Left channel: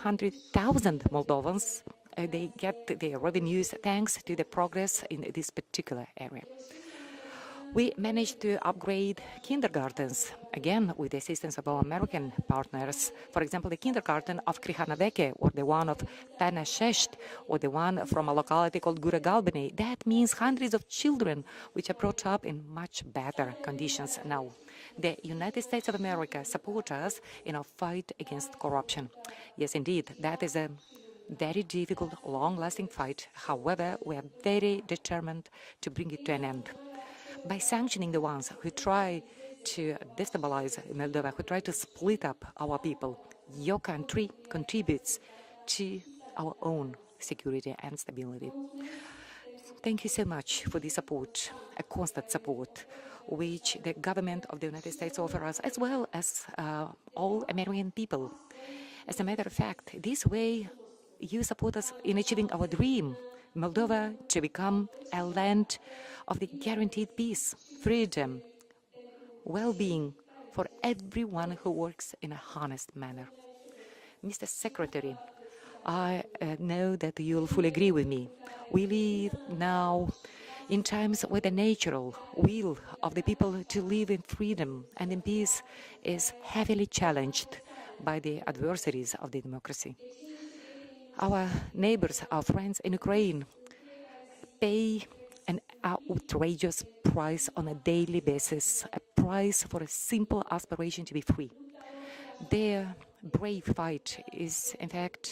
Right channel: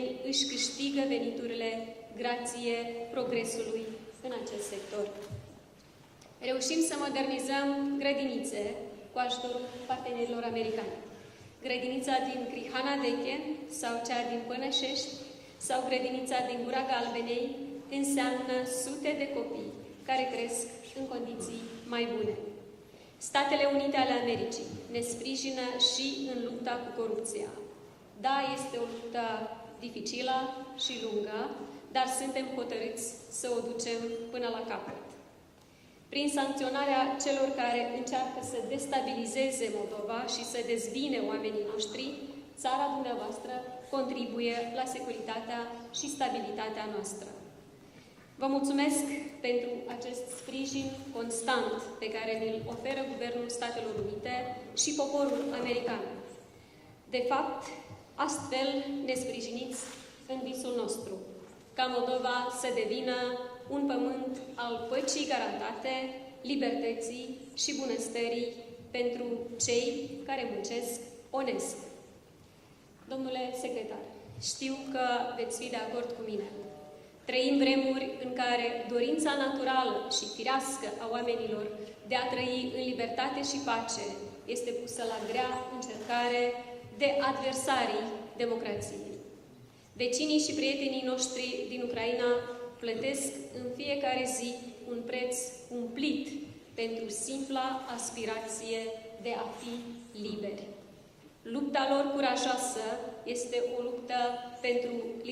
300,000 Moldovans they get their revenues thanks to the progress in this particular area. We managed to upgrade kindergartens, again with the assistance of our American partners. For example, the kindergarten of Krihanabeke, or the one of Tanashesht, or the one from a locality called Guragalbeni. That means hundreds of children which are brought up in much better conditions now. The United States of America support us in our fight against corruption. Yes, indeed, that is a very difficult, long-lasting fight. However, we are very determined to bring it to an end. By sanctioning the ones who try to destabilize Moldova, who try to split up our people, your country contributes to our own security and stability. Thank you so much for the support, a constant support, which the government of the United States offers us, as well as all American people. As a matter of fact, this way you support us in achieving our dream, Moldova to become a land of the guaranteed peace, freedom, well-being for everyone who works in a honest manner. Mr. Secretary, I know that you fully agree with me. We live now in times where the natural will of the people to live in freedom and in peace is heavily challenged by the adversaries of the democracy. Our neighbors, our friends in Ukraine, pay an outrageous price on a daily basis, a price for a simple aspiration to be free. Their brave fight is, in fact,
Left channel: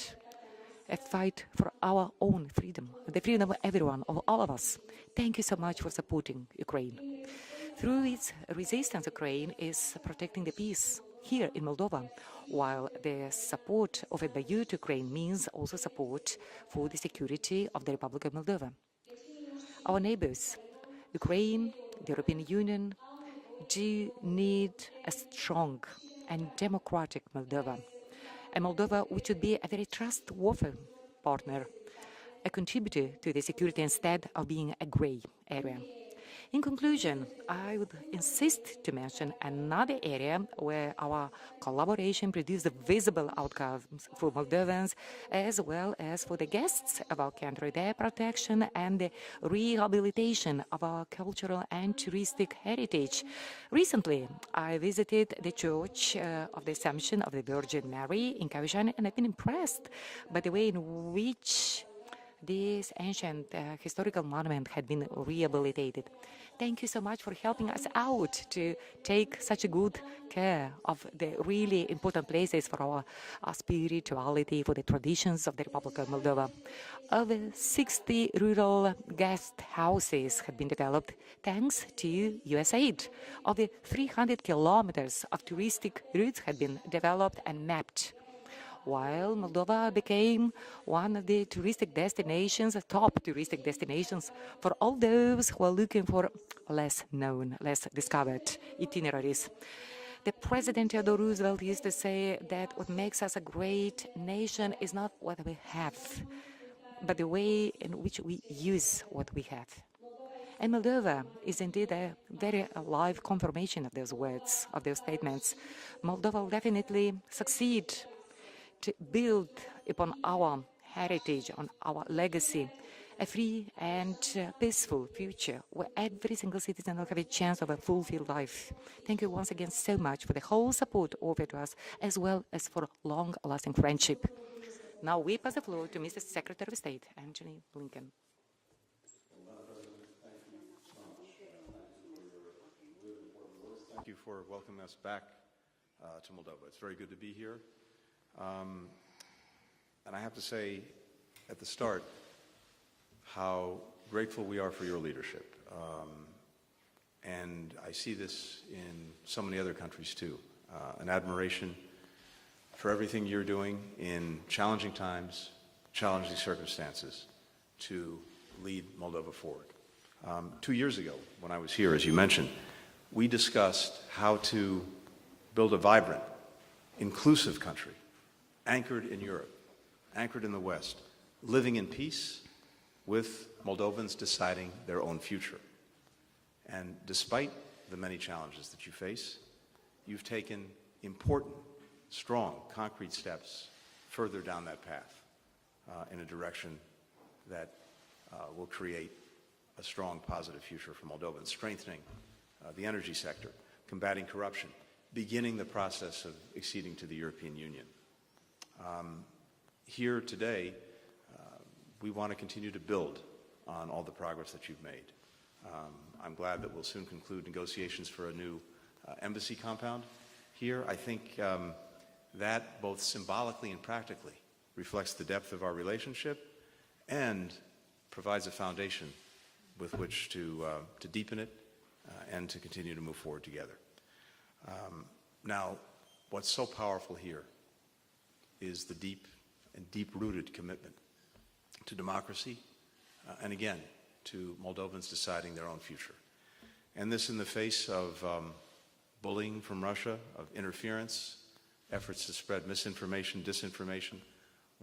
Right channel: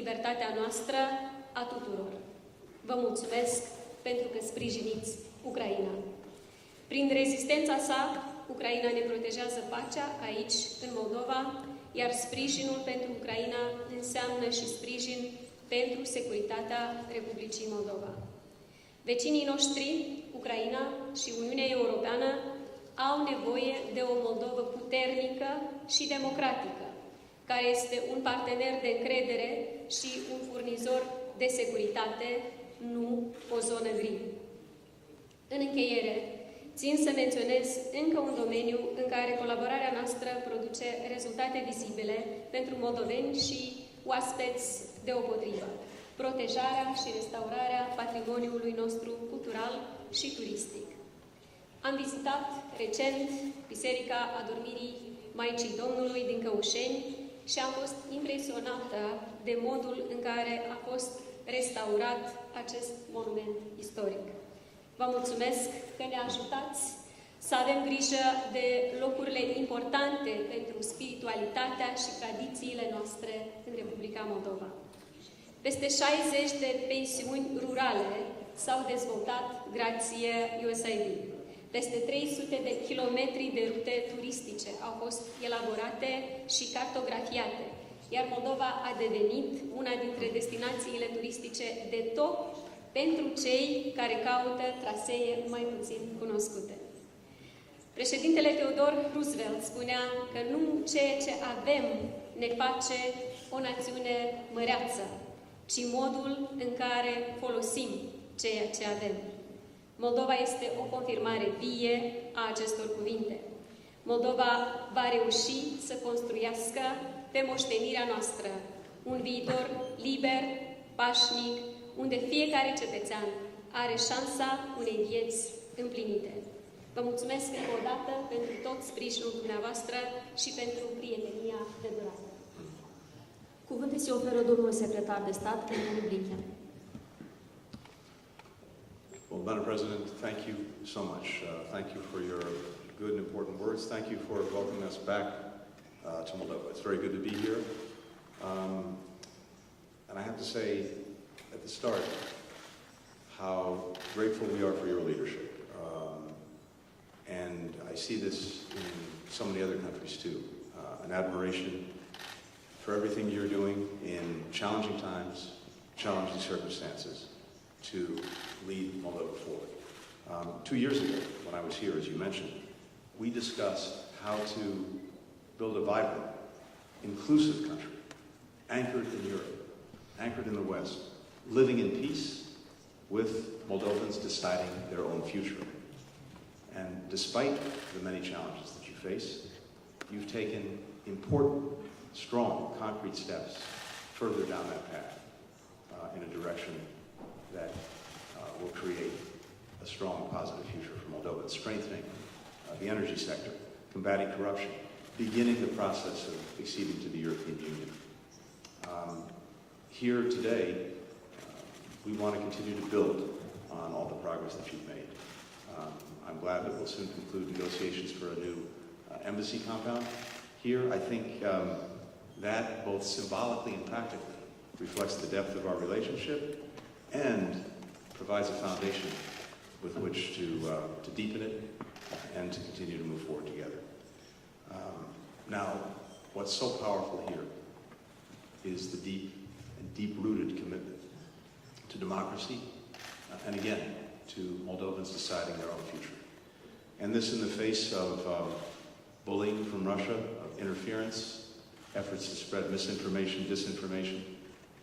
a fight for our own freedom, the freedom of everyone, of all of us. Thank you so much for supporting Ukraine. Through its resistance, Ukraine is protecting the peace here in Moldova, while the support offered by you to Ukraine means also support for the security of the Republic of Moldova. Our neighbors, Ukraine, the European Union, do need a strong and democratic Moldova, a Moldova which would be a very trustworthy partner, a contributor to the security instead of being a grey area. In conclusion, I would insist to mention another area where our collaboration produced visible outcomes for Moldovans as well as for the guests of our country, their protection and the rehabilitation of our cultural and touristic heritage. Recently, I visited the Church of the Assumption of the Virgin Mary in Kavișani, and I've been impressed by the way in which this ancient historical monument had been rehabilitated. Thank you so much for helping us out to take such a good care of the really important places for our spirituality, for the traditions of the Republic of Moldova. Over 60 rural guest houses have been developed thanks to USAID. Over 300 kilometers of touristic routes have been developed and mapped, while Moldova became one of the touristic destinations, top touristic destinations for all those who are looking for less known, less discovered itineraries. The President Theodore Roosevelt used to say that what makes us a great nation is not what we have, but the way in which we use what we have. And Moldova is indeed a very alive confirmation of those words, of those statements. Moldova will definitely succeed to build upon our heritage, on our legacy, a free and peaceful future where every single citizen will have a chance of a fulfilled life. Thank you once again so much for the whole support offered us, as well as for long-lasting friendship. Now we pass the floor to Mr. Secretary of State Antony Blinken. Well, Madam President, thank you so much. Thank you for your good and important words. Thank you for welcoming us back to Moldova. It's very good to be here. And I have to say at the start how grateful we are for your leadership. And I see this in so many other countries too. An admiration for everything you're doing in challenging times, challenging circumstances to lead Moldova forward. 2 years ago, when I was here, as you mentioned, we discussed how to build a vibrant, inclusive country, anchored in Europe, anchored in the West, living in peace with Moldovans deciding their own future. And despite the many challenges that you face, you've taken important, strong, concrete steps further down that path in a direction that will create a strong, positive future for Moldova. It's strengthening the energy sector, combating corruption, beginning the process of acceding to the European Union. Here today, we want to continue to build on all the progress that you've made. I'm glad that we'll soon conclude negotiations for a new embassy compound here. I think that both symbolically and practically reflects the depth of our relationship and provides a foundation with which to deepen it and to continue to move forward together. Now, what's so powerful here is the deep-rooted commitment to democracy and again, to Moldovans deciding their own future. And this in the face of bullying from Russia, of interference, efforts to spread misinformation, disinformation,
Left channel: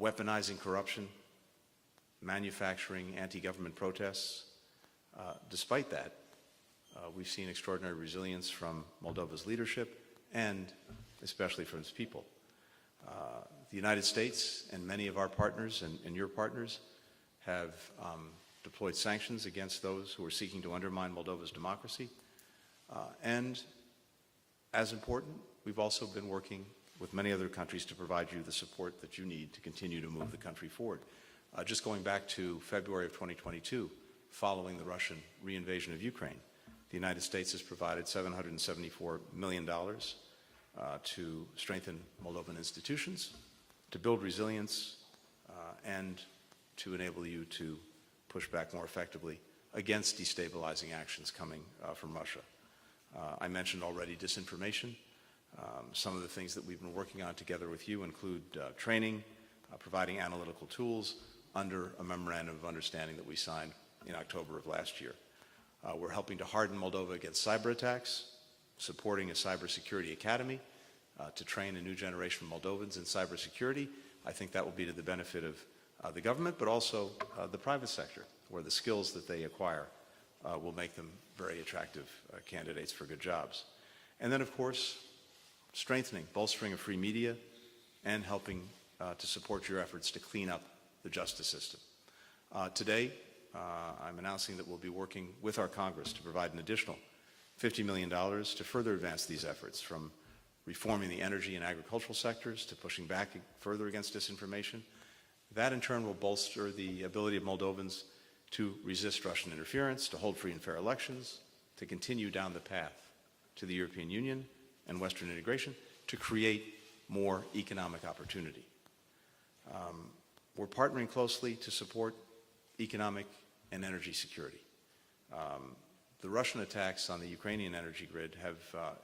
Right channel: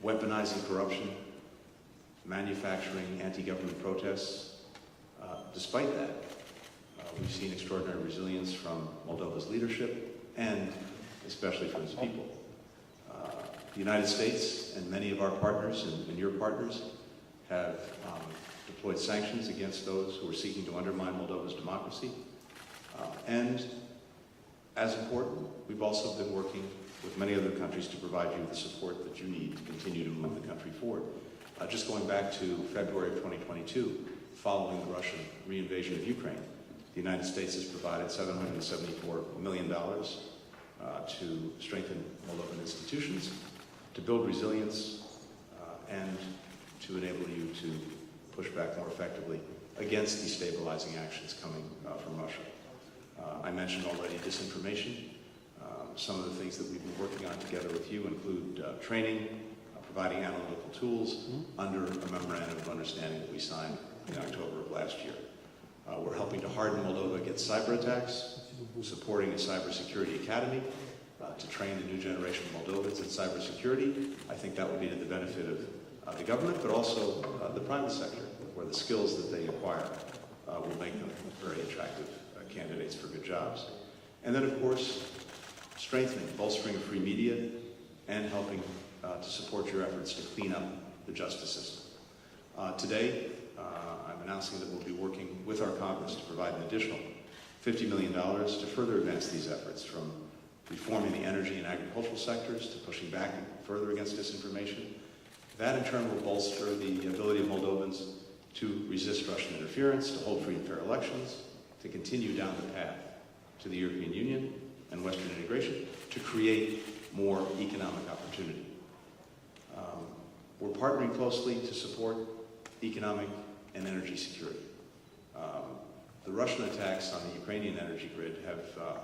weaponizing corruption, manufacturing anti-government protests. Despite that, we've seen extraordinary resilience from Moldova's leadership and especially from its people. The United States and many of our partners and your partners have deployed sanctions against those who are seeking to undermine Moldova's democracy. And as important, we've also been working with many other countries to provide you the support that you need to continue to move the country forward. Just going back to February of 2022, following the Russian reinvasion of Ukraine, the United States has provided $774 million to strengthen Moldovan institutions, to build resilience, and to enable you to push back more effectively against destabilizing actions coming from Russia. I mentioned already disinformation. Some of the things that we've been working on together with you include training, providing analytical tools under a memorandum of understanding that we signed in October of last year. We're helping to harden Moldova against cyber attacks, supporting a cybersecurity academy to train a new generation of Moldovans in cybersecurity. I think that will be to the benefit of the government, but also the private sector, where the skills that they acquire will make them very attractive candidates for good jobs. And then, of course, strengthening, bolstering free media, and helping to support your efforts to clean up the justice system. Today, I'm announcing that we'll be working with our Congress to provide an additional $50 million to further advance these efforts, from reforming the energy and agricultural sectors to pushing back further against disinformation. That in turn will bolster the ability of Moldovans to resist Russian interference, to hold free and fair elections, to continue down the path to the European Union and Western integration, to create more economic opportunity. We're partnering closely to support economic and energy security. The Russian attacks on the Ukrainian energy grid have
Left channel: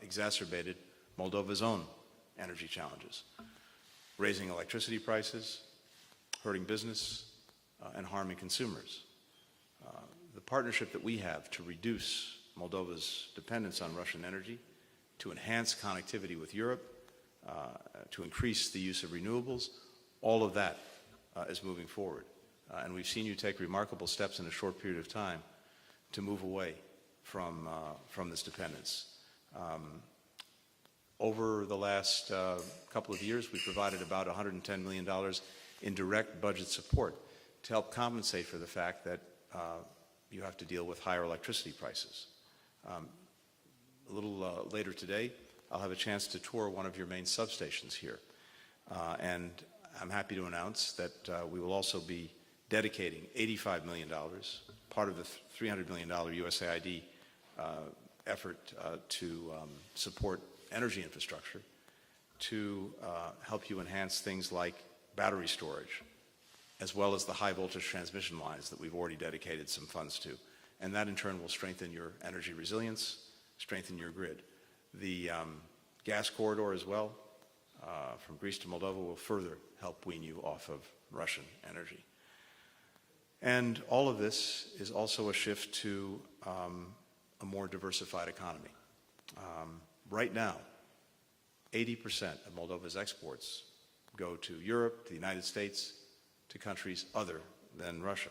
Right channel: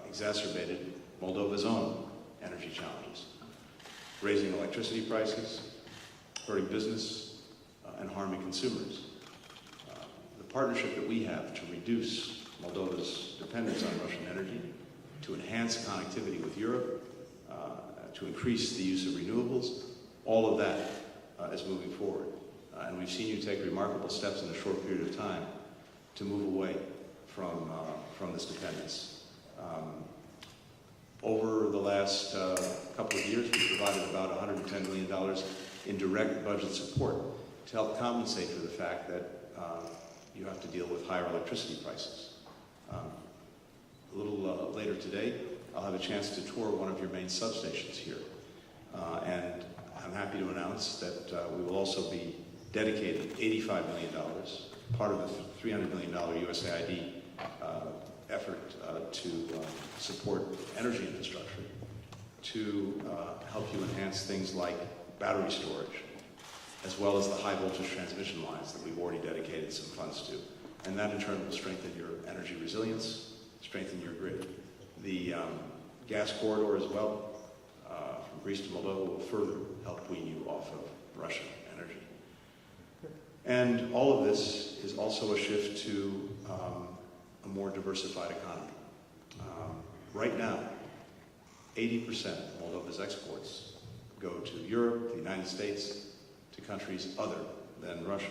exacerbated Moldova's own energy challenges, raising electricity prices, hurting business, and harming consumers. The partnership that we have to reduce Moldova's dependence on Russian energy, to enhance connectivity with Europe, to increase the use of renewables, all of that is moving forward. And we've seen you take remarkable steps in a short period of time to move away from this dependence. Over the last couple of years, we provided about $110 million in direct budget support to help compensate for the fact that you have to deal with higher electricity prices. A little later today, I'll have a chance to tour one of your main substations here. And I'm happy to announce that we will also be dedicating $85 million, part of the $300 million USAID effort to support energy infrastructure, to help you enhance things like battery storage, as well as the high voltage transmission lines that we've already dedicated some funds to. And that in turn will strengthen your energy resilience, strengthen your grid. The gas corridor as well, from Greece to Moldova, will further help wean you off of Russian energy. And all of this is also a shift to a more diversified economy. Right now, 80% of Moldova's exports go to Europe, the United States, to countries other than Russia.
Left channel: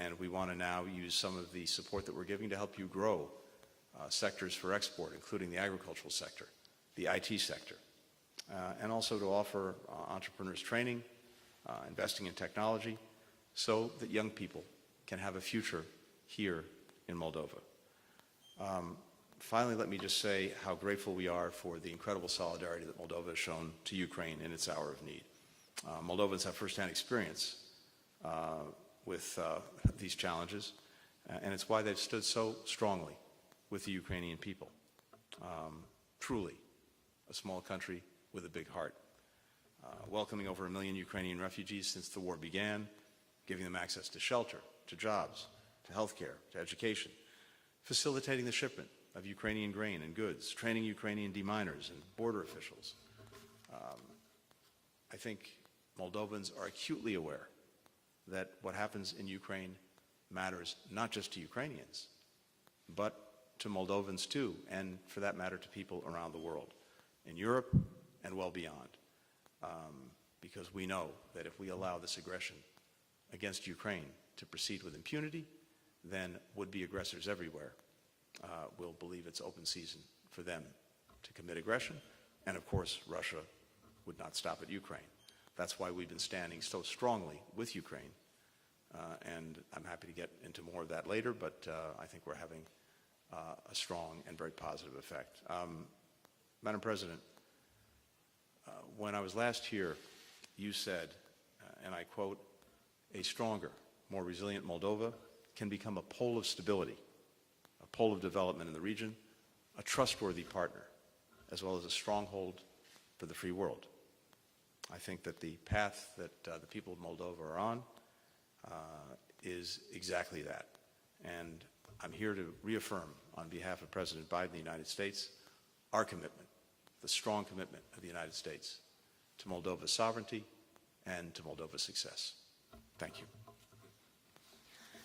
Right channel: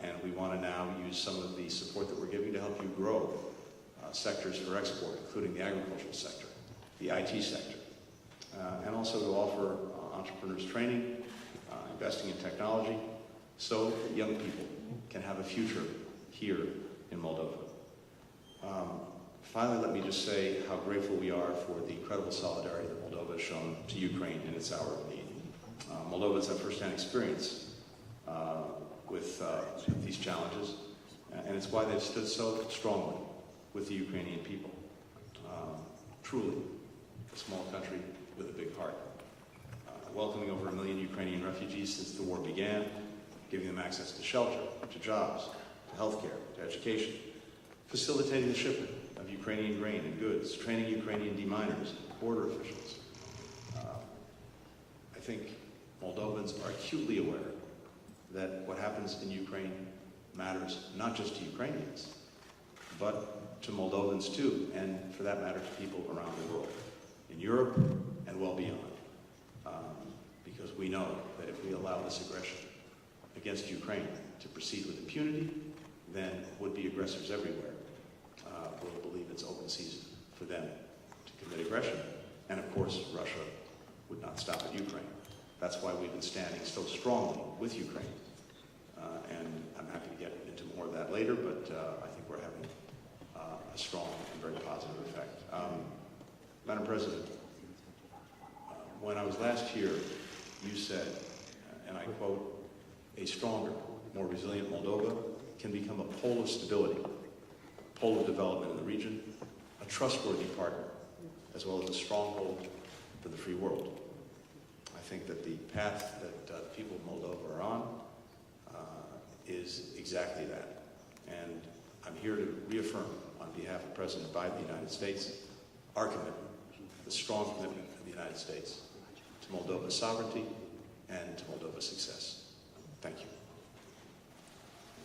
And we want to now use some of the support that we're giving to help you grow sectors for export, including the agricultural sector, the IT sector, and also to offer entrepreneurs training, investing in technology, so that young people can have a future here in Moldova. Finally, let me just say how grateful we are for the incredible solidarity that Moldova has shown to Ukraine in its hour of need. Moldova has had first-hand experience with these challenges, and it's why they've stood so strongly with the Ukrainian people. Truly, a small country with a big heart. Welcoming over 1 million Ukrainian refugees since the war began, giving them access to shelter, to jobs, to healthcare, to education, facilitating the shipment of Ukrainian grain and goods, training Ukrainian deminers and border officials. I think Moldovans are acutely aware that what happens in Ukraine matters not just to Ukrainians, but to Moldovans too, and for that matter to people around the world, in Europe and well beyond. Because we know that if we allow this aggression against Ukraine to proceed with impunity, then would-be aggressors everywhere will believe it's open season for them to commit aggression. And of course, Russia would not stop at Ukraine. That's why we've been standing so strongly with Ukraine. And I'm happy to get into more of that later, but I think we're having a strong and very positive effect. Madam President, when I was last here, you said, and I quote, "A stronger, more resilient Moldova can become a pole of stability, a pole of development in the region, a trustworthy partner, as well as a stronghold for the free world." I think that the path that the people of Moldova are on is exactly that. And I'm here to reaffirm on behalf of President Biden of the United States our commitment, the strong commitment of the United States to Moldova's sovereignty and to Moldova's success. Thank you.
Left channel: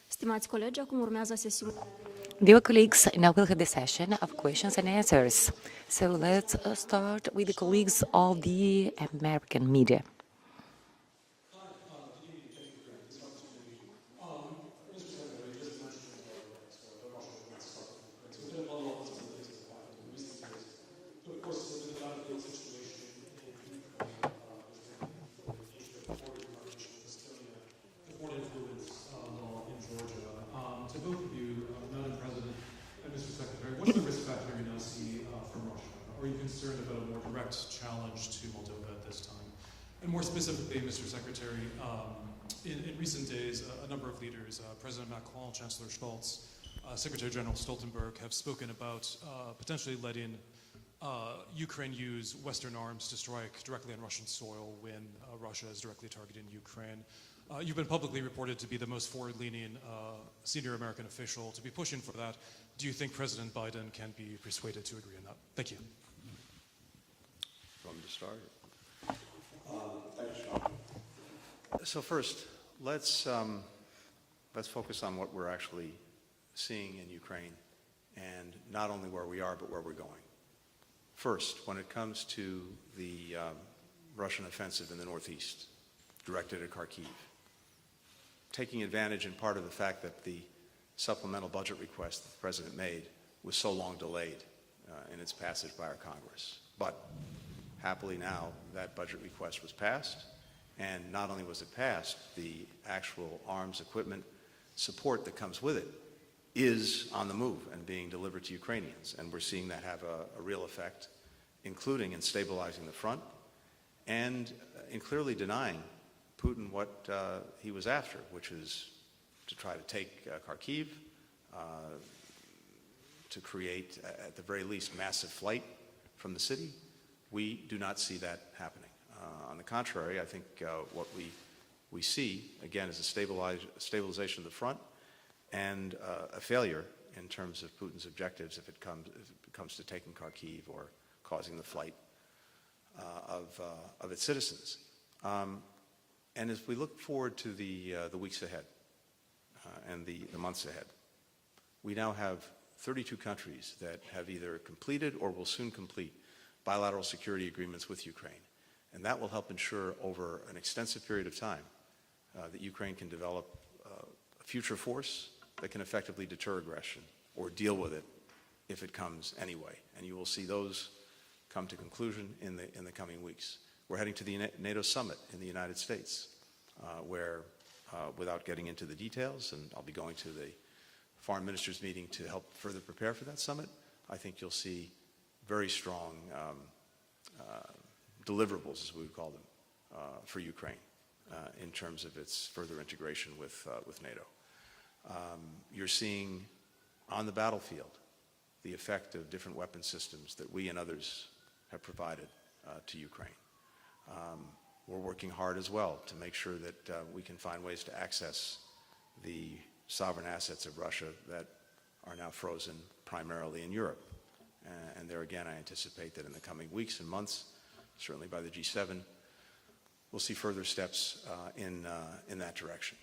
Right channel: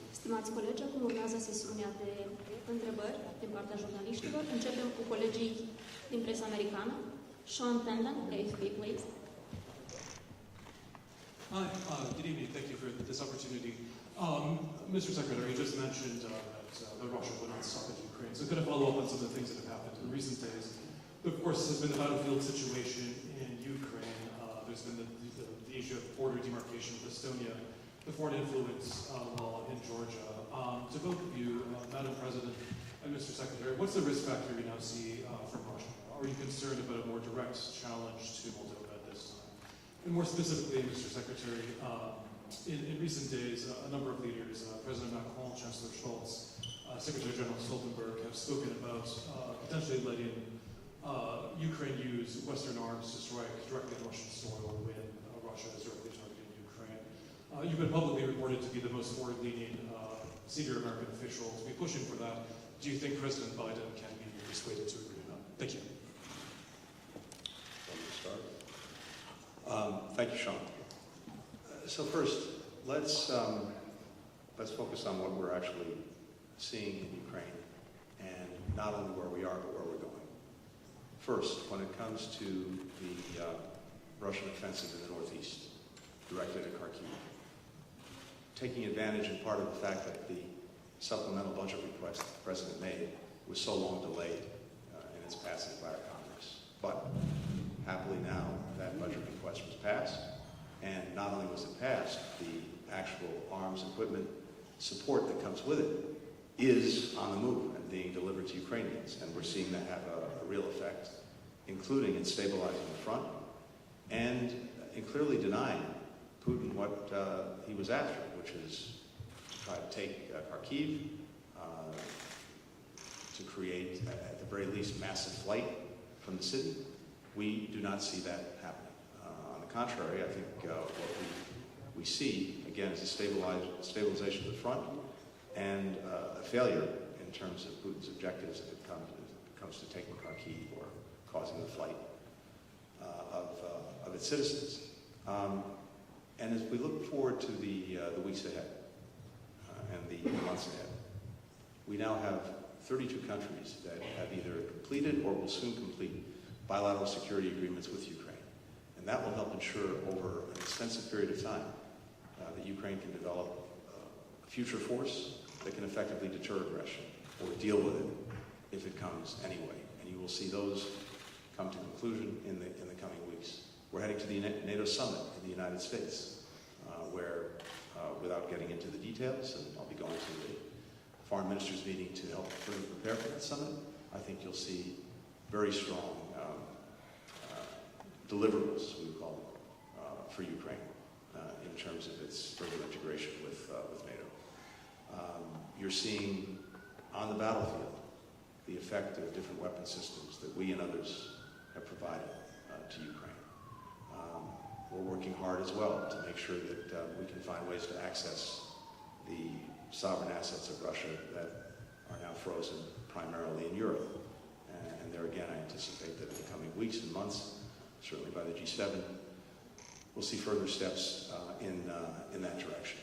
Stimați colegi, acum urmează sesiunea de... Dear colleagues, now we'll have the session of questions and answers. So let's start with the colleagues of the American media. Hi, good evening. Thank you for this opportunity. Mr. Secretary, you just mentioned that Russia would not stop at Ukraine. So could I follow up on some of the things that have happened in recent days? Of course, this has been the battlefield situation in Ukraine. There's been the issue of border demarcation with Estonia, the foreign influence law in Georgia. To both of you, Madam President and Mr. Secretary, what's the risk factor you now see from Russia? Are you concerned about a more direct challenge to Moldova at this time? And more specifically, Mr. Secretary, in recent days, a number of leaders, President Macron, Chancellor Scholz, Secretary General Stoltenberg, have spoken about potentially letting Ukraine use Western arms to strike directly on Russian soil when Russia is directly targeting Ukraine. You've been publicly reported to be the most forward-leaning senior American official to be pushing for that. Do you think President Biden can be persuaded to agree on that? Thank you. Want me to start? Thank you, Sean. So first, let's focus on what we're actually seeing in Ukraine, and not only where we are, but where we're going. First, when it comes to the Russian offensive in the northeast, directed at Kharkiv, taking advantage in part of the fact that the supplemental budget request the President made was so long delayed in its passage by our Congress. But happily now, that budget request was passed, and not only was it passed, the actual arms, equipment, support that comes with it is on the move and being delivered to Ukrainians. And we're seeing that have a real effect, including in stabilizing the front and in clearly denying Putin what he was after, which is to try to take Kharkiv, to create, at the very least, massive flight from the city. We do not see that happening. On the contrary, I think what we see, again, is a stabilization of the front and a failure in terms of Putin's objectives if it comes to taking Kharkiv or causing the flight of its citizens. And as we look forward to the weeks ahead and the months ahead, we now have 32 countries that have either completed or will soon complete bilateral security agreements with Ukraine. And that will help ensure over an extensive period of time that Ukraine can develop a future force that can effectively deter aggression or deal with it if it comes anyway. And you will see those come to conclusion in the coming weeks We're heading to the NATO summit in the United States, where, without getting into the details, and I'll be going to the foreign ministers meeting to help further prepare for that summit, I think you'll see very strong deliverables, we would call them, for Ukraine in terms of its further integration with NATO. You're seeing on the battlefield the effect of different weapon systems that we and others have provided to Ukraine. We're working hard as well to make sure that we can find ways to access the sovereign assets of Russia that are now frozen primarily in Europe. And there again, I anticipate that in the coming weeks and months, certainly by the G7, we'll see further steps in that direction.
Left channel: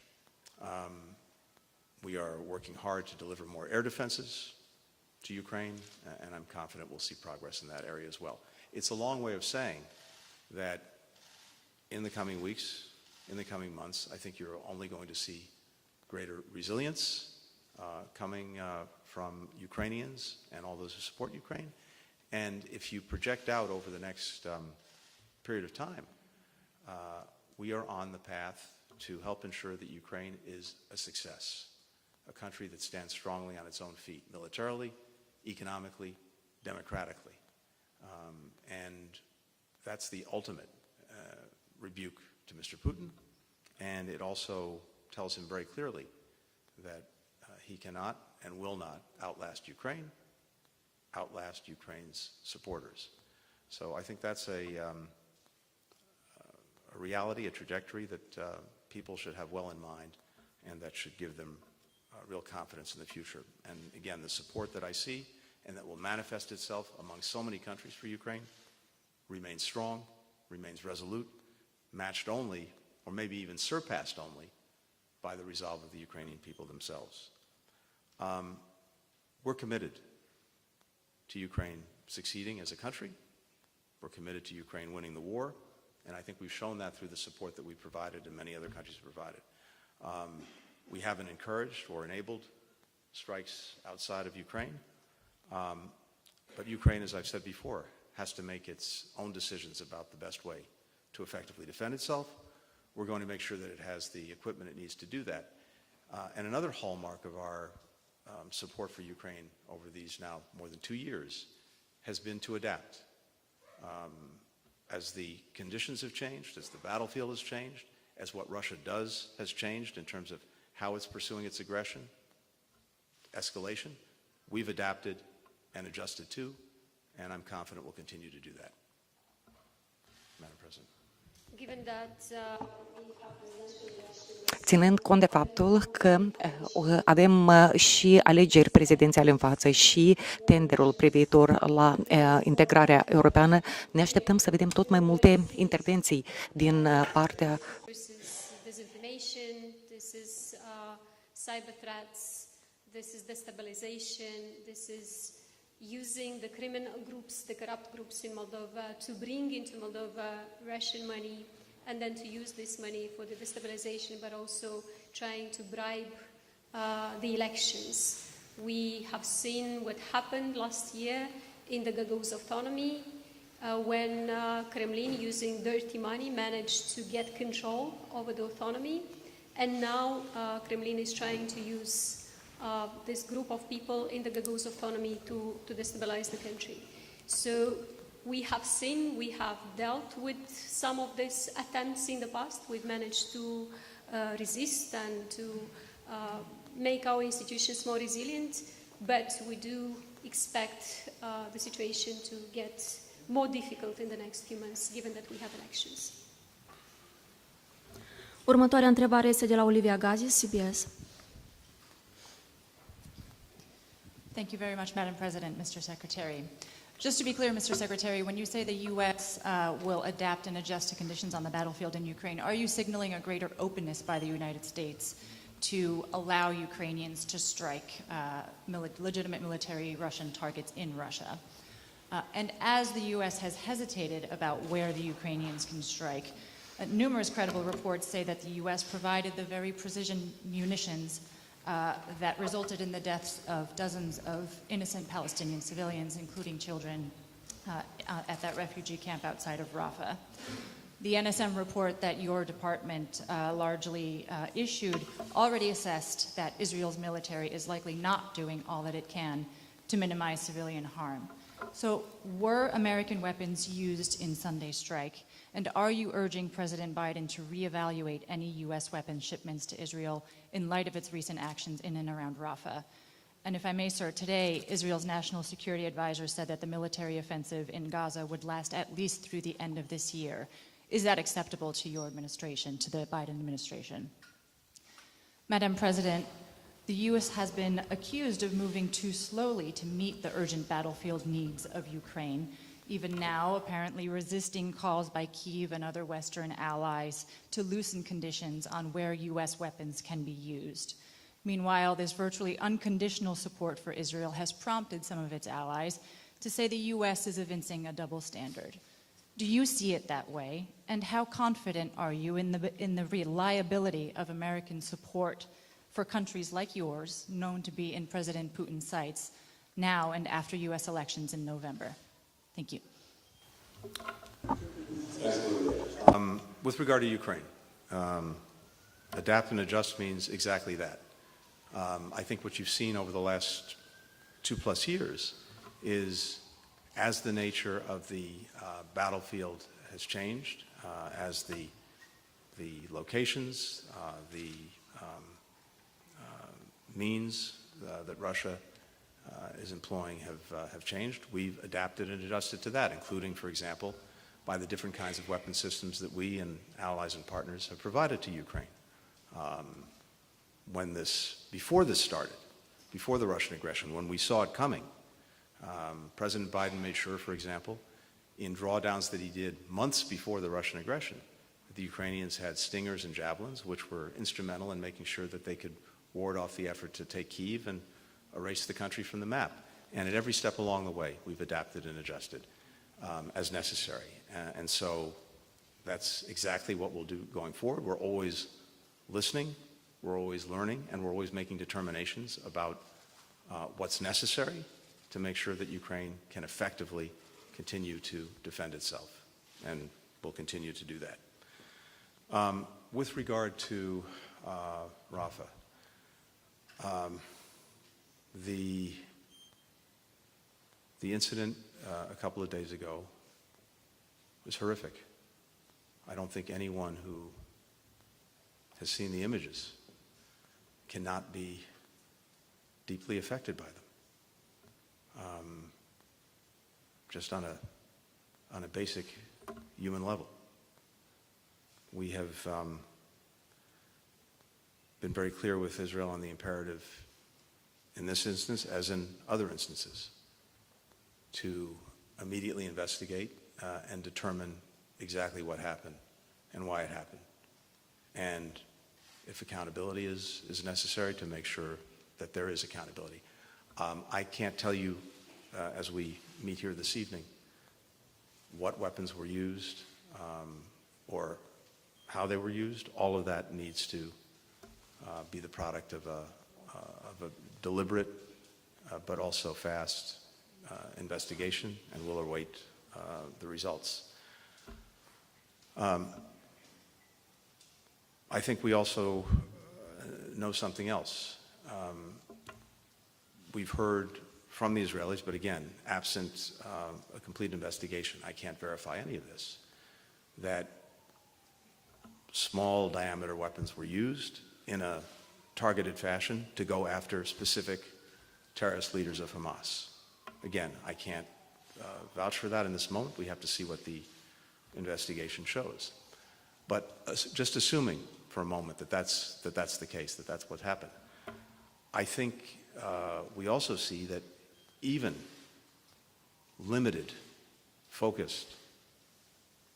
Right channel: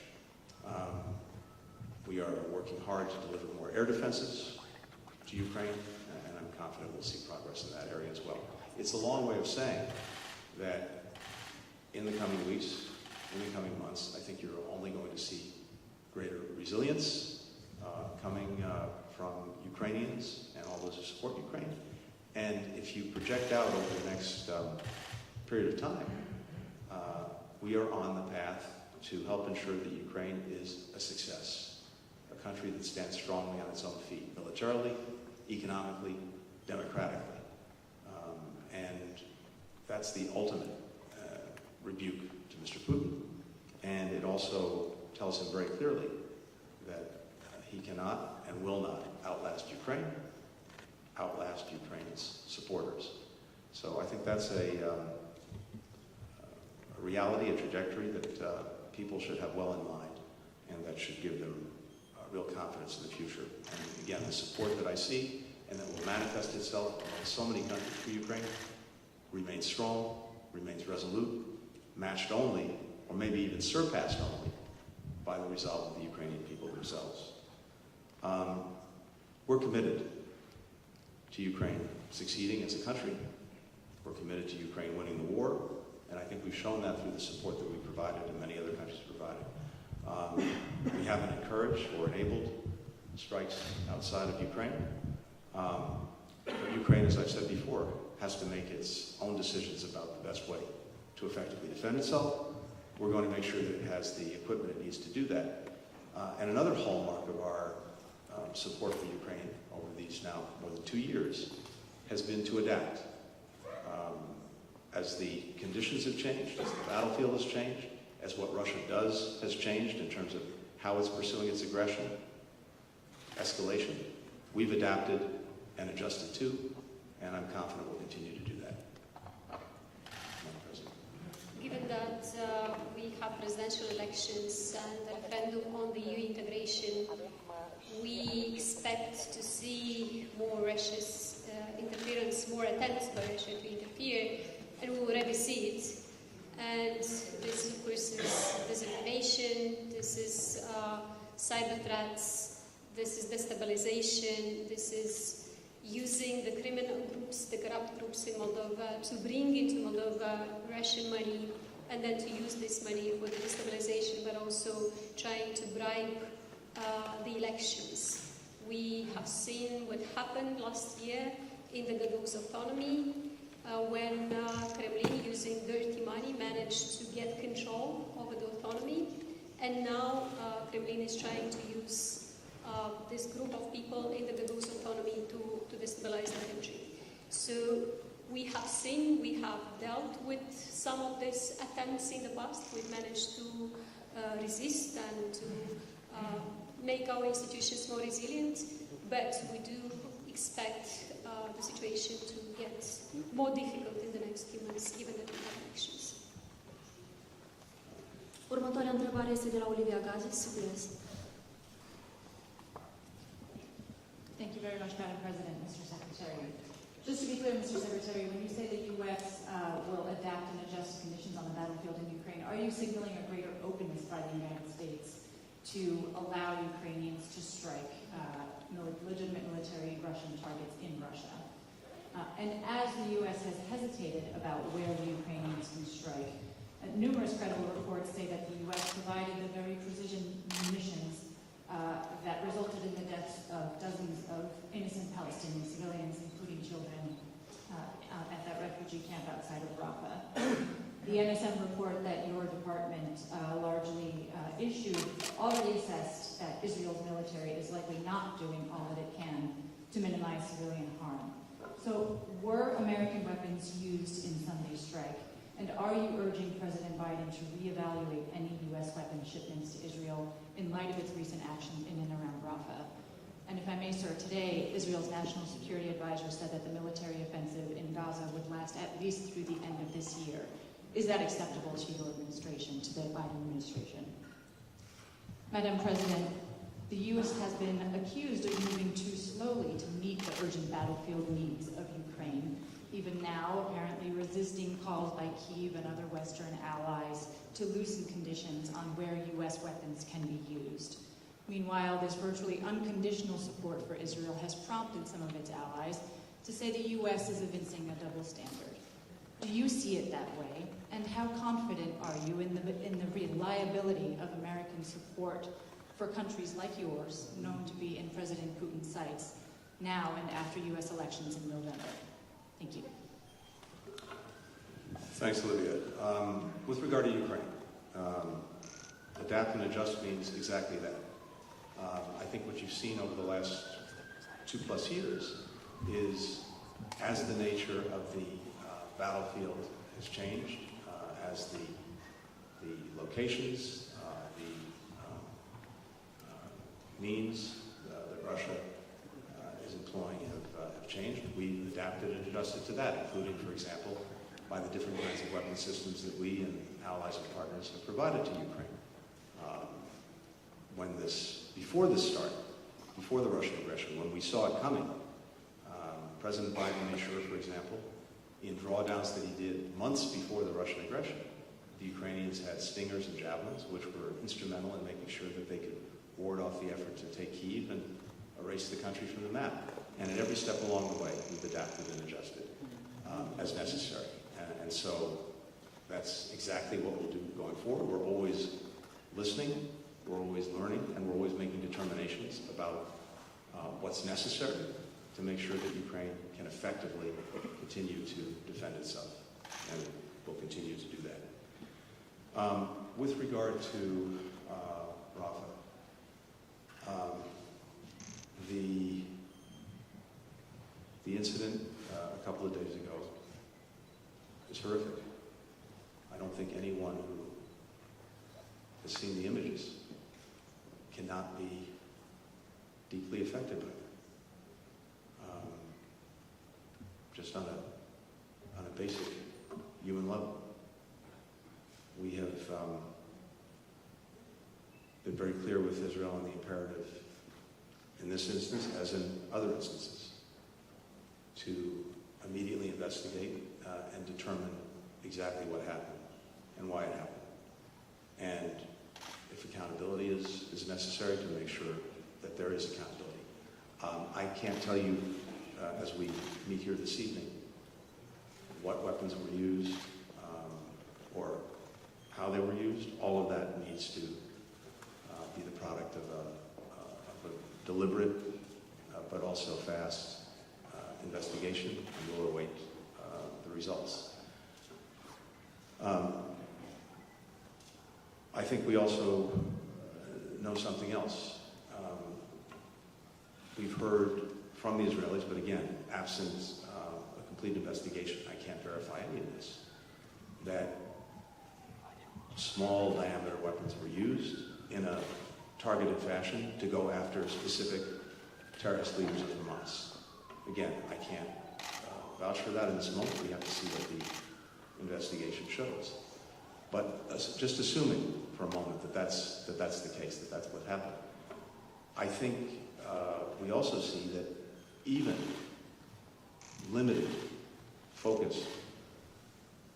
We are working hard to deliver more air defenses to Ukraine, and I'm confident we'll see progress in that area as well. It's a long way of saying that in the coming weeks, in the coming months, I think you're only going to see greater resilience coming from Ukrainians and all those who support Ukraine. And if you project out over the next period of time, we are on the path to help ensure that Ukraine is a success, a country that stands strongly on its own feet, militarily, economically, democratically. And that's the ultimate rebuke to Mr. Putin. And it also tells him very clearly that he cannot and will not outlast Ukraine, outlast Ukraine's supporters. So I think that's a reality, a trajectory that people should have well in mind, and that should give them real confidence in the future. And again, the support that I see and that will manifest itself among so many countries for Ukraine remains strong, remains resolute, matched only, or maybe even surpassed only, by the resolve of the Ukrainian people themselves. We're committed to Ukraine succeeding as a country. We're committed to Ukraine winning the war, and I think we've shown that through the support that we've provided and many other countries provided. We haven't encouraged or enabled strikes outside of Ukraine. Ukraine, as I've said before, has to make its own decisions about the best way to effectively defend itself. We're going to make sure that it has the equipment it needs to do that. And another hallmark of our support for Ukraine over these now more than 2 years has been to adapt. As the conditions have changed, as the battlefield has changed, as what Russia does has changed in terms of how it's pursuing its aggression, escalation, we've adapted and adjusted to, and I'm confident we'll continue to do that. Given that we have presidential elections, Ținând cont de faptul că avem și alegeri prezidențiale în față și tenderul privitor la integrarea europeană, ne așteptăm să vedem tot mai multe intervenții din partea disinformation, this is cyber threats, this is destabilization, this is using the criminal groups, the corrupt groups in Moldova to bring into Moldova Russian money, and then to use this money for destabilization, but also trying to bribe the elections. We have seen what happened last year in the Gagauz autonomy when Kremlin, using dirty money, managed to get control over the autonomy. And now Kremlin is trying to use this group of people in the Gagauz autonomy to destabilize the country. So we have seen, we have dealt with some of these attempts in the past. We've managed to resist and to make our institutions more resilient, but we do expect the situation to get more difficult in the next few months, given that we have elections. Următoarea întrebare este de la Olivia Gazis, CBS. Thank you very much, Madam President, Mr. Secretary. Just to be clear, Mr. Secretary, when you say the U.S. Will adapt and adjust to conditions on the battlefield in Ukraine, are you signaling a greater openness by the United States to allow Ukrainians to strike legitimate military Russian targets in Russia? And as the U.S. has hesitated about where the Ukrainians can strike, numerous credible reports say that the U.S. provided the very precision munitions that resulted in the deaths of dozens of innocent Palestinian civilians, including children at that refugee camp outside of Rafah. The NSM report that your department largely issued already assessed that Israel's military is likely not doing all that it can to minimize civilian harm. So were American weapons used in Sunday's strike? And are you urging President Biden to reevaluate any U.S. weapons shipments to Israel in light of its recent actions in and around Rafah? And if I may, sir, today, Israel's National Security Advisor said that the military offensive in Gaza would last at least through the end of this year. Is that acceptable to your administration, to the Biden administration? Madam President, the U.S. has been accused of moving too slowly to meet the urgent battlefield needs of Ukraine, even now apparently resisting calls by Kyiv and other Western allies to loosen conditions on where U.S. weapons can be used. Meanwhile, this virtually unconditional support for Israel has prompted some of its allies to say the U.S. is evincing a double standard. Do you see it that way? And how confident are you in the reliability of American support for countries like yours, known to be in President Putin's sights, now and after U.S. elections in November? Thank you. Thanks, Olivia. With regard to Ukraine, adapt and adjust means exactly that. I think what you've seen over the last 2+ years is, as the nature of the battlefield has changed, as the locations, the means that Russia is employing have changed, we've adapted and adjusted to that, including, for example, by the different kinds of weapon systems that we and allies and partners have provided to Ukraine. Before this started, before the Russian aggression, when we saw it coming, President Biden made sure, for example, in drawdowns that he did months before the Russian aggression, the Ukrainians had Stingers and Javelins, which were instrumental in making sure that they could ward off the effort to take Kyiv and erase the country from the map. And at every step along the way, we've adapted and adjusted as necessary. And so that's exactly what we'll do going forward. We're always listening, we're always learning, and we're always making determinations about what's necessary to make sure that Ukraine can effectively continue to defend itself. And we'll continue to do that. With regard to Rafah, the incident a couple of days ago is horrific. I don't think anyone who has seen the images cannot be deeply affected by them. Just on a basic human level. We have been very clear with Israel on the imperative in this instance, as in other instances, to immediately investigate and determine exactly what happened and why it happened. And if accountability is necessary, to make sure that there is accountability. I can't tell you, as we meet here this evening, what weapons were used or how they were used. All of that needs to be the product of a deliberate but also fast investigation, and we'll await the results. I think we also know something else. We've heard from the Israelis, but again, absent a complete investigation, I can't verify any of this, that small diameter weapons were used in a targeted fashion to go after specific terrorist leaders of Hamas. Again, I can't vouch for that in this moment. We have to see what the investigation shows. But just assuming for a moment that that's the case, that that's what happened, I think we also see that even limited, focused,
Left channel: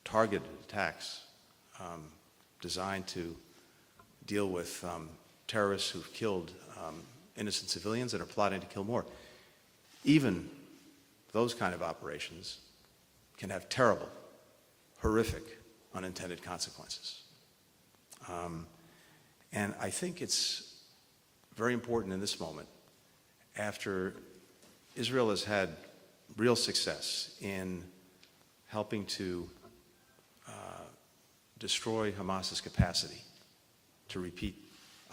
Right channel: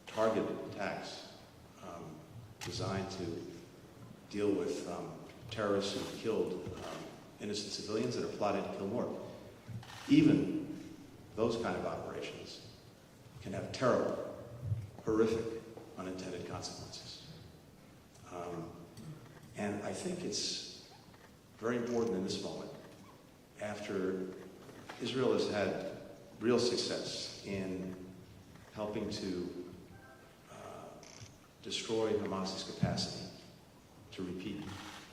targeted attacks designed to deal with terrorists who've killed innocent civilians and are plotting to kill more, even those kind of operations can have terrible, horrific, unintended consequences. And I think it's very important in this moment, after Israel has had real success in helping to destroy Hamas's capacity to repeat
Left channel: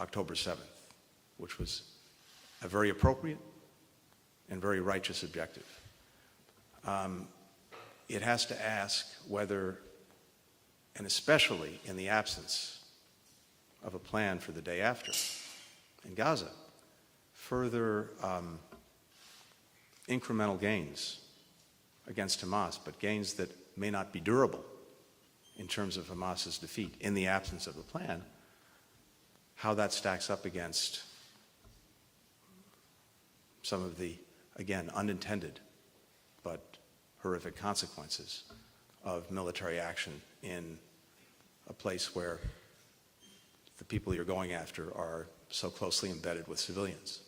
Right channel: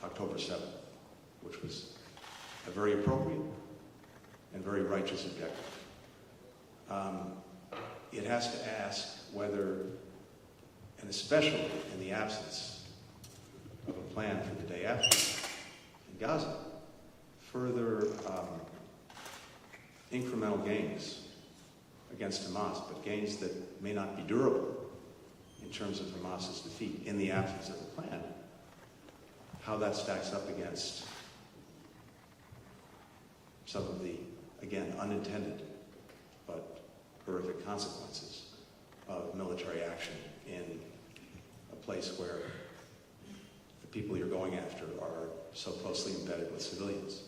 October 7th, which was a very appropriate and very righteous objective. It has to ask whether, and especially in the absence of a plan for the day after in Gaza, further incremental gains against Hamas, but gains that may not be durable in terms of Hamas's defeat in the absence of a plan, how that stacks up against some of the, again, unintended but horrific consequences of military action in a place where the people you're going after are so closely embedded with civilians.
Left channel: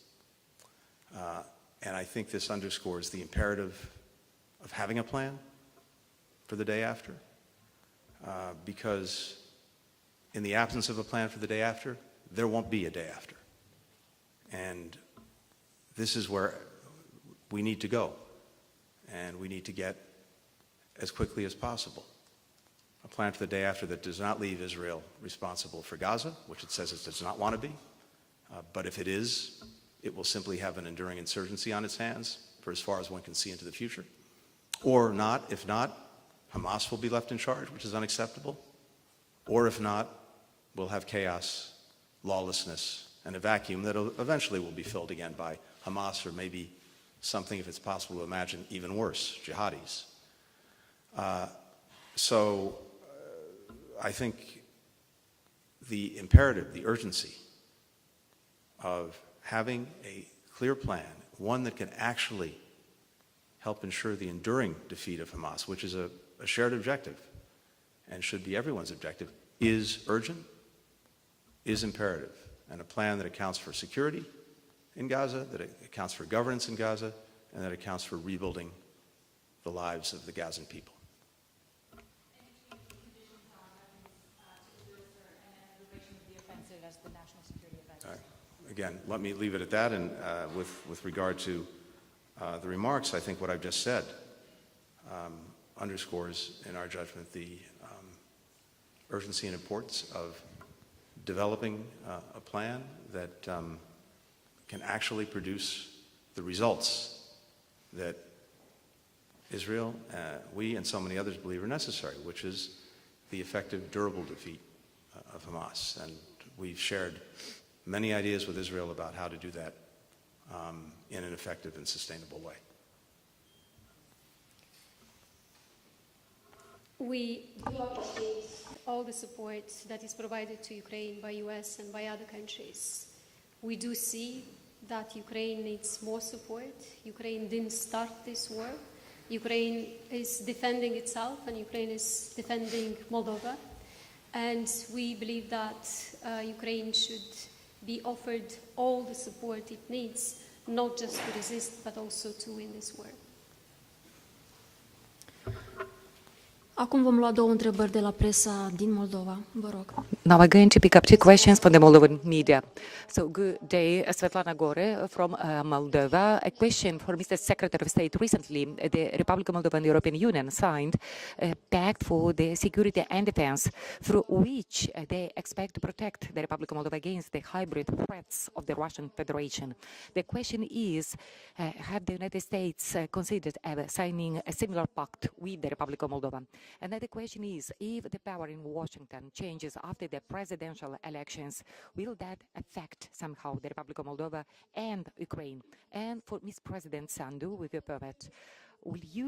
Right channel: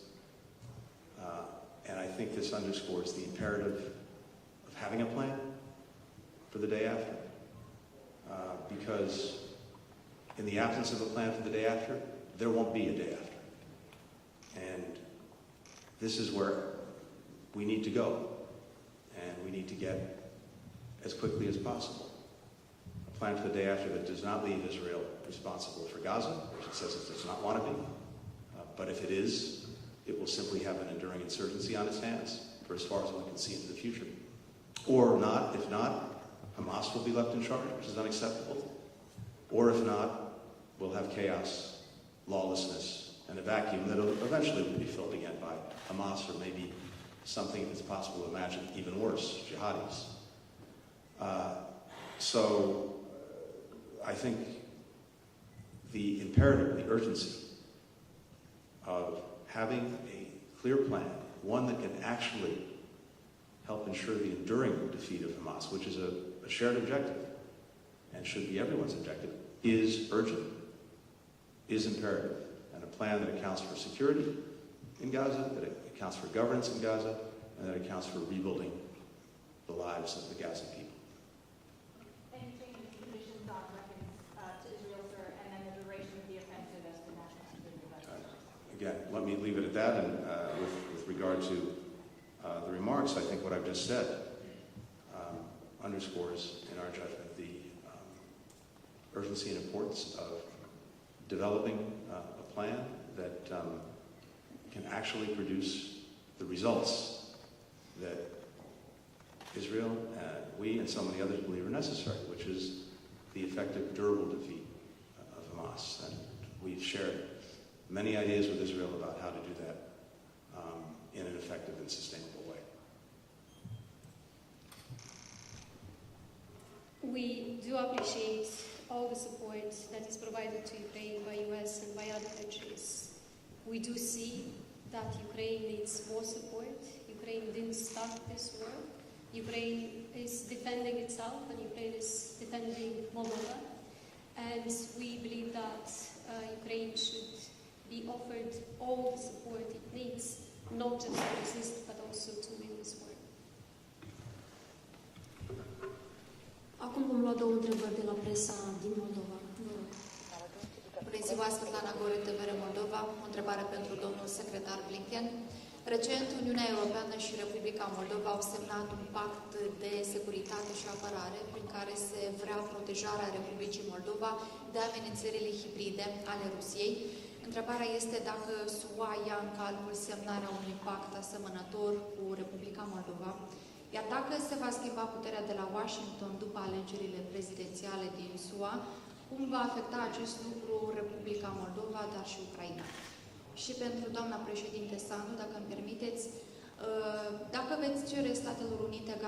And I think this underscores the imperative of having a plan for the day after, because in the absence of a plan for the day after, there won't be a day after. And this is where we need to go, and we need to get as quickly as possible a plan for the day after that does not leave Israel responsible for Gaza, which it says it does not want to be, but if it is, it will simply have an enduring insurgency on its hands for as far as one can see into the future. Or not, if not, Hamas will be left in charge, which is unacceptable. Or if not, we'll have chaos, lawlessness, and a vacuum that eventually will be filled again by Hamas, or maybe something, if it's possible to imagine, even worse, jihadis. So I think the imperative, the urgency of having a clear plan, one that can actually help ensure the enduring defeat of Hamas, which is a shared objective and should be everyone's objective, is urgent, is imperative, and a plan that accounts for security in Gaza, that it accounts for governance in Gaza, and that accounts for rebuilding the lives of the Gazan people. Any change in conditions on weapons to Israel, sir, and then the duration of the offensive as the national security event? Again, let me leave it at that, and with regard to the remarks, I think what I've just said underscores, in our judgment, the urgency and importance of developing a plan that can actually produce the results that Israel, we and so many others believe are necessary, which is the effective, durable defeat of Hamas. And we've shared many ideas with Israel about how to do that in an effective and sustainable way. We do appreciate all the support that is provided to Ukraine by US and by other countries. We do see that Ukraine needs more support. Ukraine didn't start this war. Ukraine is defending itself, and Ukraine is defending Moldova. And we believe that Ukraine should be offered all the support it needs, not just to resist, but also to win this war. Acum vom lua două întrebări de la presa din Moldova. Vă rog. Now we're going to pick up two questions from the Moldovan media. So good day, Svetlana Gore from Moldova. A question for Mr. Secretary of State. Recently, the Republic of Moldova and the European Union signed a pact for the security and defense, through which they expect to protect the Republic of Moldova against the hybrid threats of the Russian Federation. The question is, have the United States considered signing a similar pact with the Republic of Moldova? And then the question is, if the power in Washington changes after the presidential elections, will that affect somehow the Republic of Moldova and Ukraine? And for East President Sandu, would you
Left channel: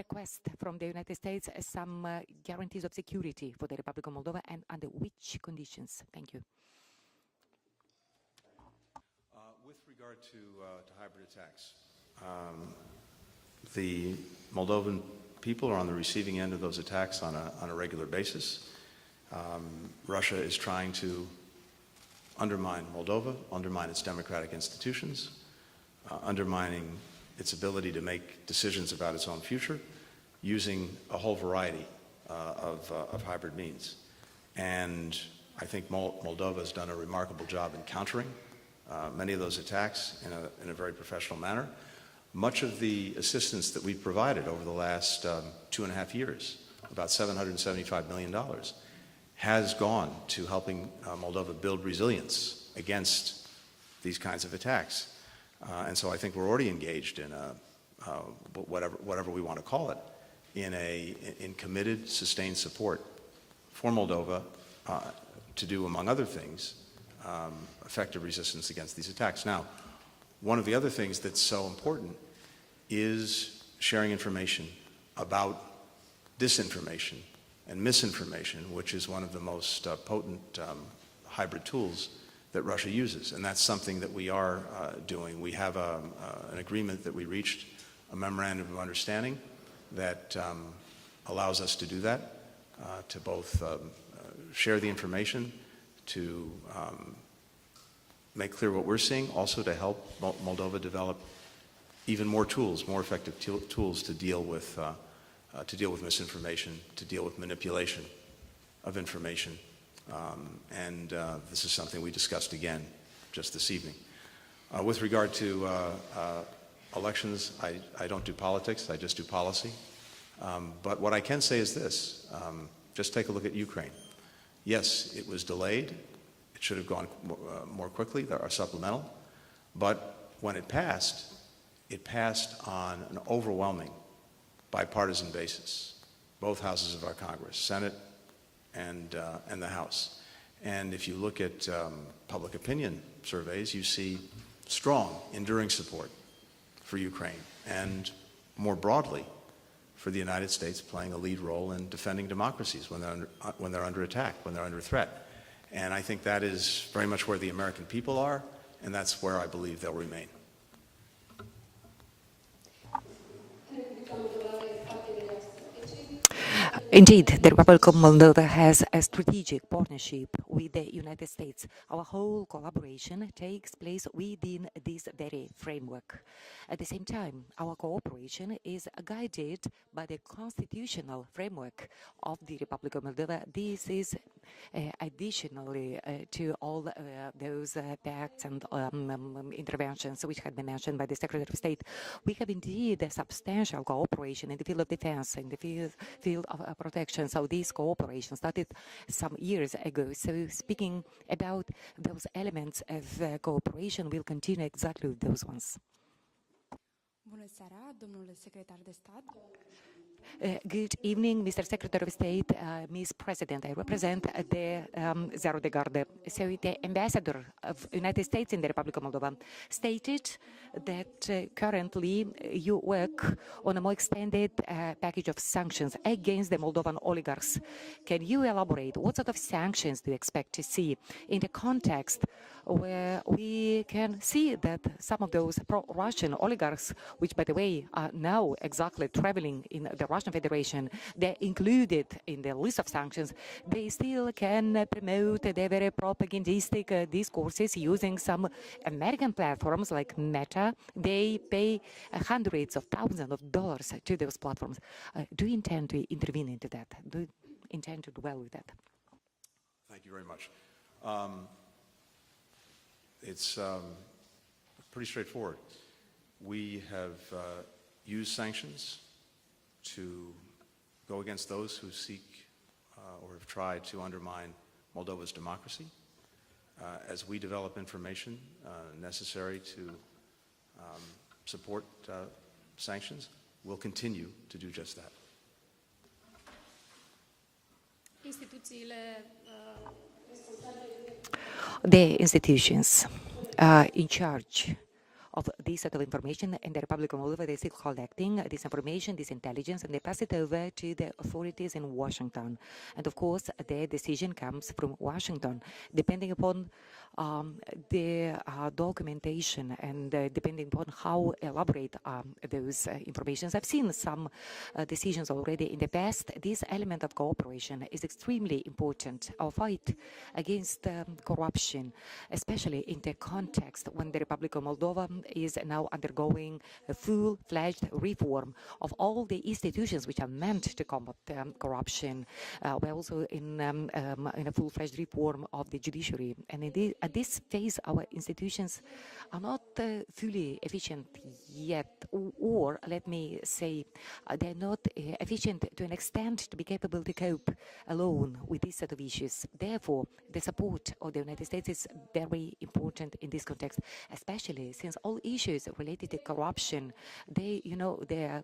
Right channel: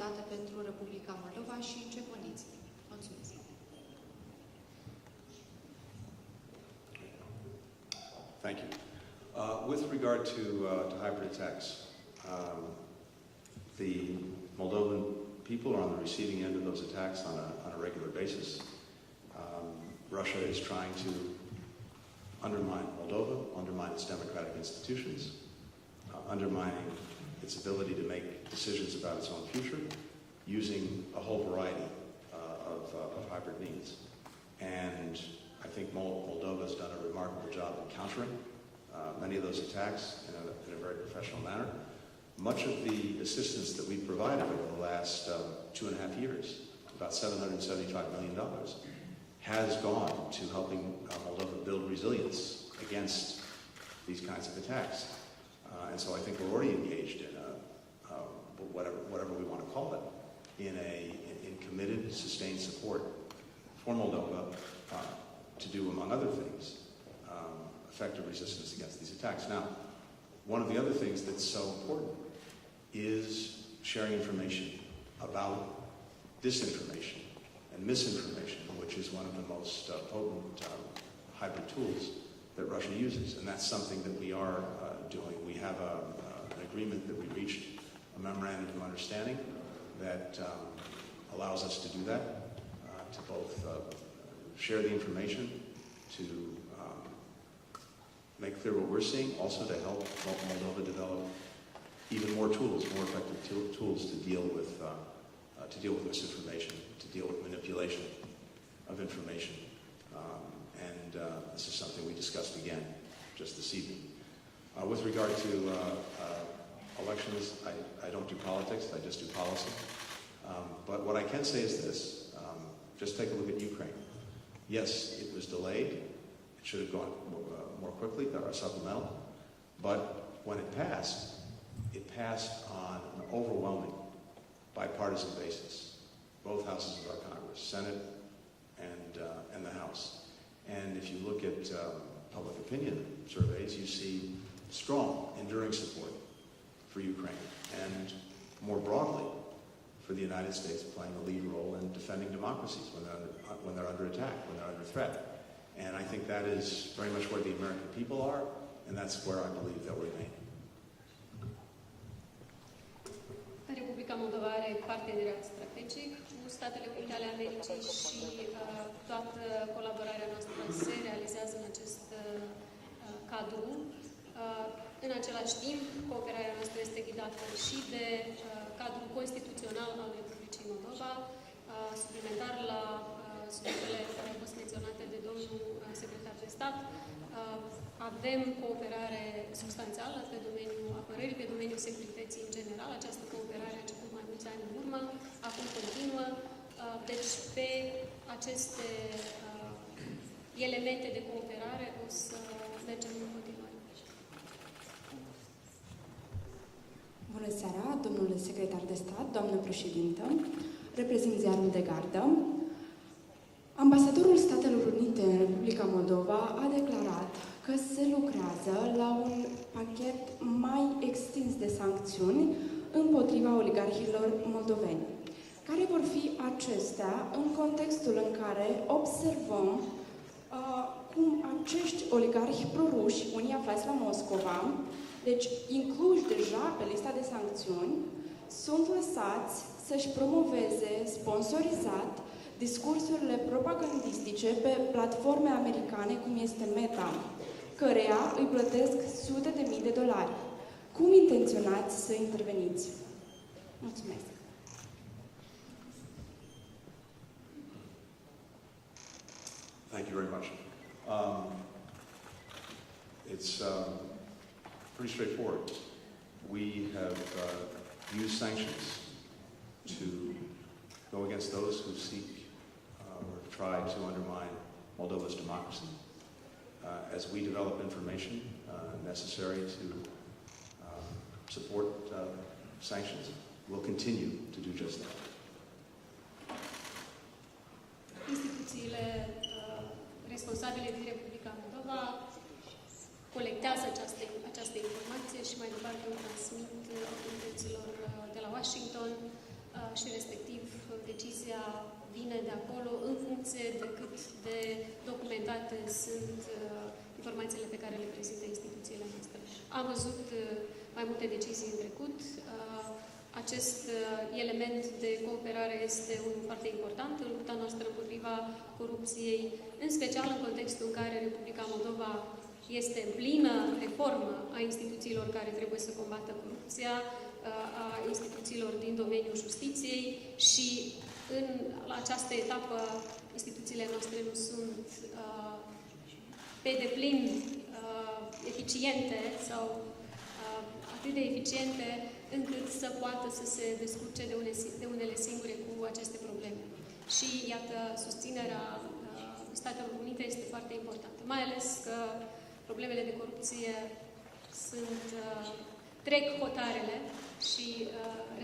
request from the United States some guarantees of security for the Republic of Moldova, and under which conditions? Thank you. Thank you. With regard to hybrid attacks, the Moldovan people are on the receiving end of those attacks on a regular basis. Russia is trying to undermine Moldova, undermine its democratic institutions, undermining its ability to make decisions about its own future, using a whole variety of hybrid means. And I think Moldova has done a remarkable job in countering many of those attacks in a very professional manner. much of the assistance that we've provided over the last 2.5 years, about $775 million, has gone to helping Moldova build resilience against these kinds of attacks. And so I think we're already engaged in whatever we want to call it, in committed, sustained support for Moldova to do, among other things, effective resistance against these attacks. Now, one of the other things that's so important is sharing information about disinformation and misinformation, which is one of the most potent hybrid tools that Russia uses, and that's something that we are doing. We have an agreement that we reached, a memorandum of understanding that allows us to do that, to both share the information, to make clear what we're seeing, also to help Moldova develop even more tools, more effective tools to deal with misinformation, to deal with manipulation of information. And this is something we discussed again just this evening. With regard to elections, I don't do politics, I just do policy. But what I can say is this, just take a look at Ukraine. Yes, it was delayed. It should have gone more quickly, or supplemental. But when it passed on an overwhelming bipartisan basis, both houses of our Congress, Senate and the House. And if you look at public opinion surveys, you see strong, enduring support for Ukraine, and more broadly, for the United States playing a lead role in defending democracies when they're under attack, when they're under threat. And I think that is very much where the American people are, and that's where I believe they'll remain. Indeed, the Republic of Moldova has a strategic partnership with the United States. Our whole collaboration takes place within this very framework. At the same time, our cooperation is guided by the constitutional framework of the Republic of Moldova. This is additionally to all those pacts and interventions which have been mentioned by the Secretary of State. We have indeed a substantial cooperation in the field of defense, in the field of protection. So this cooperation started some years ago. So speaking about those elements of cooperation, we'll continue exactly with those ones. Bună seara, domnule secretar de stat, doamnă președintă. Good evening, Mr. Secretary of State, Ms. President. I represent the Zero de Garde. So the ambassador of the United States in the Republic of Moldova stated that currently you work on a more extended package of sanctions against the Moldovan oligarchs. Can you elaborate? What sort of sanctions do you expect to see in the context where we can see that some of those pro-Russian oligarchs, which, by the way, are now exactly traveling in the Russian Federation, they're included in the list of sanctions, they still can promote their very propagandistic discourses using some American platforms like Meta. They pay hundreds of thousands of dollars to those platforms. Do you intend to intervene into that? Do you intend to dwell with that? Thank you very much. It's pretty straightforward. We have used sanctions to go against those who seek or have tried to undermine Moldova's democracy. As we develop information necessary to support sanctions, we'll continue to do just that. The institutions in charge of this set of information in the Republic of Moldova, they keep collecting this information, this intelligence, and they pass it over to the authorities in Washington. And of course, the decision comes from Washington, depending upon the documentation and depending upon how elaborate those information. I've seen some decisions already in the past. This element of cooperation is extremely important. Our fight against corruption, especially in the context when the Republic of Moldova is now undergoing a full-fledged reform of all the institutions which are meant to combat corruption. We're also in a full-fledged reform of the judiciary. And At this phase, our institutions are not fully efficient yet, or let me say, they're not efficient to an extent to be capable to cope alone with this set of issues. Therefore, the support of the United States is very important in this context, especially since all issues related to corruption, they are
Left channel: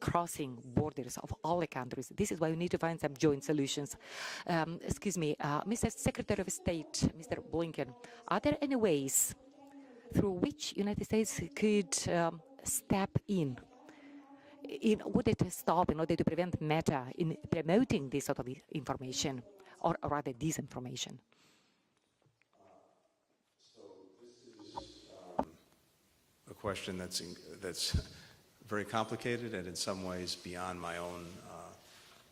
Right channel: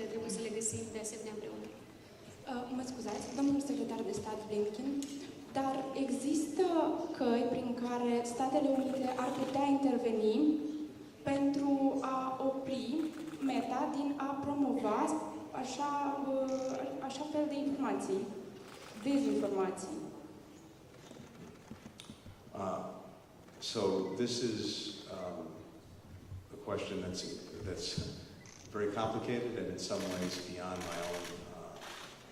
crossing borders of all the countries. This is why we need to find some joint solutions. Excuse me, Mr. Secretary of State, Mr. Blinken, are there any ways through which United States could step in would it stop in order to prevent Meta in promoting this sort of information, or rather disinformation? So this is a question that's very complicated and in some ways beyond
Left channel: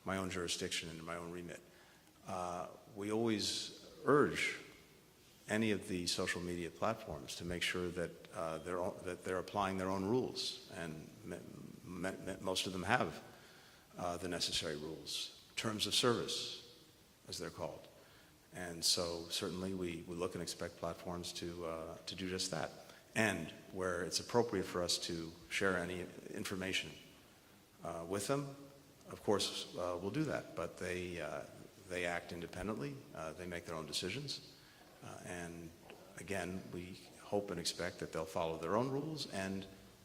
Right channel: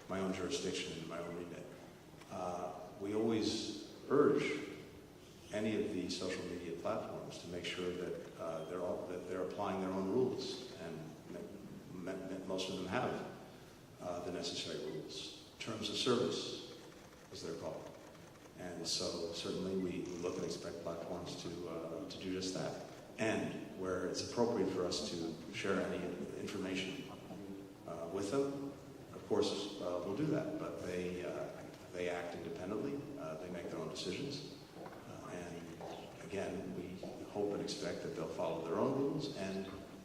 my own jurisdiction and my own remit. We always urge any of the social media platforms to make sure that they're applying their own rules, and most of them have the necessary rules, terms of service, as they're called. And so certainly we look and expect platforms to do just that. And where it's appropriate for us to share any information with them, of course we'll do that. But they act independently. They make their own decisions. And again, we hope and expect that they'll follow their own rules. And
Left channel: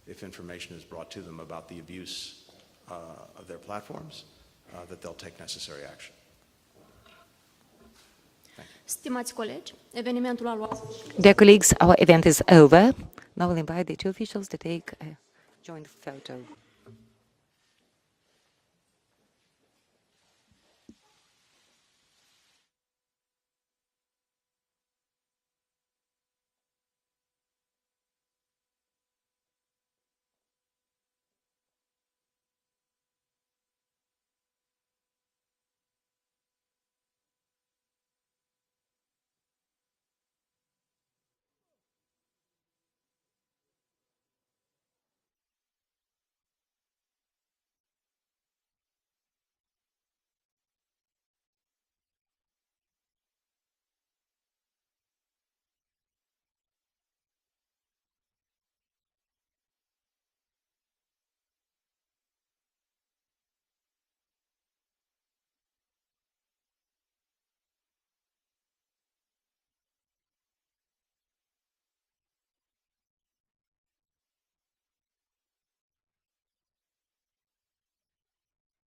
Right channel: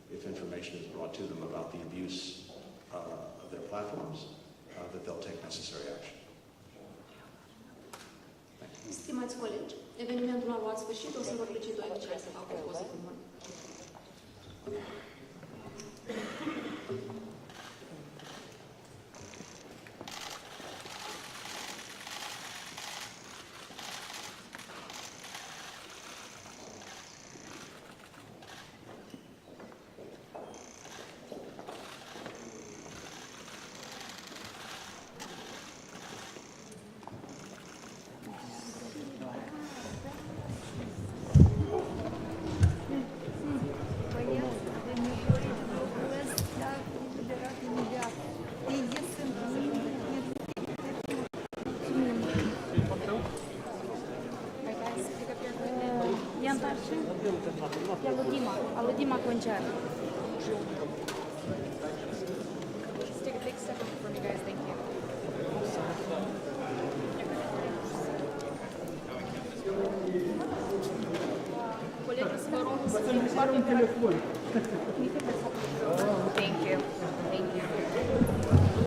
if information is brought to them about the abuse of their platforms, that they'll take necessary action. Stimați colegi, evenimentul a luat sfârșit. Dear colleagues, our event is over. Now we'll invite the two officials to take a joint photo. Aludima concert. Let's take a big step up from you guys. Thank you. Colegi, vă rog să-mi un telefon.